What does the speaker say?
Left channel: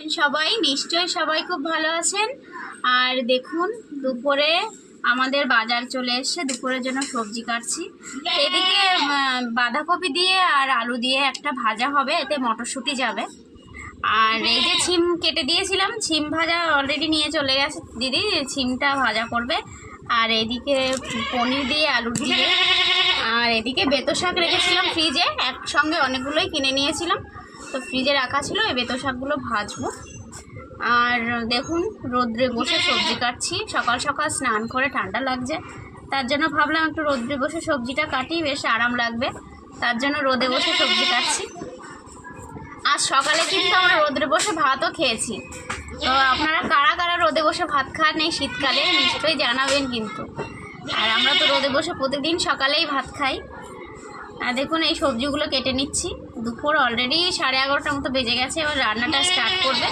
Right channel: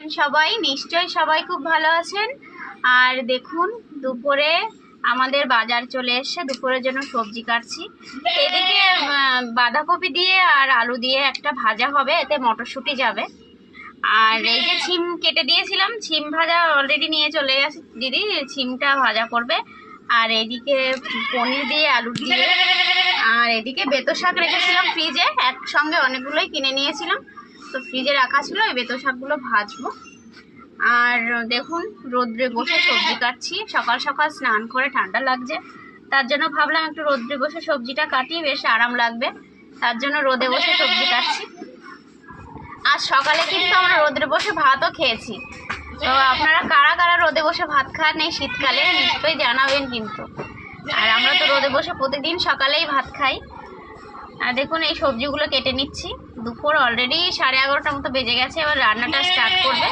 সবাই নিশ্চয়ই সবাই খুব ভালো আছেন। আর দেখুন দুপুরে আমাদের বাজার চলে এসেছে, দুপুরের জন্য সবজি কাটছি। এদিকে বাঁধাকপি দিয়ে আর আলু দিয়ে একটা ভাজা হবে, এতে মটরশুঁটি যাবে। আর এই যে ছিম কেটে দিয়েছিলাম, ছিম ভাজা অলরেডি নিয়ে চলে গেছে দিদি, ছিমটা ভাজা করবে। আর এদিকে পনির দিয়ে আলু দিয়ে, আর এদিকে বেতো শাক রেখেছিলাম ফ্রিজে, একসঙ্গে অনেকগুলোই কিনে নিয়েছিলাম, তো ফ্রিজে রাখা ছিল। এই বেতো শাকগুলো ভাজবো। আর দেখুন রোদ্রে বসে সবজি কাটছি, সকাল সকাল স্নান করে ঠান্ডা লাগছে, তার জন্য ভাবলাম একটু রোদ্রে বসে সবজিটা কাটি, বেশ আরাম লাগবে, তার জন্য রোদে বসে সবজি কাটছি। আর সকালে কিন্তু আমরা রোদ্রে বসে ভাতও খেয়েছি। তো আপনারা কারা কারা রোদে বসে ভাত খান এই শীতকালে নিশ্চয়ই জানাবেন কিন্তু। আর আমরা তো রোদে বসে প্রতিদিন সকালেই ভাত খাই। আর দেখুন এই সবজিগুলো কেটে নিচ্ছি। দুপুর অলরেডি 11:30 মতো বেজে গেছে, এবার রান্নাটা স্টার্ট করবে।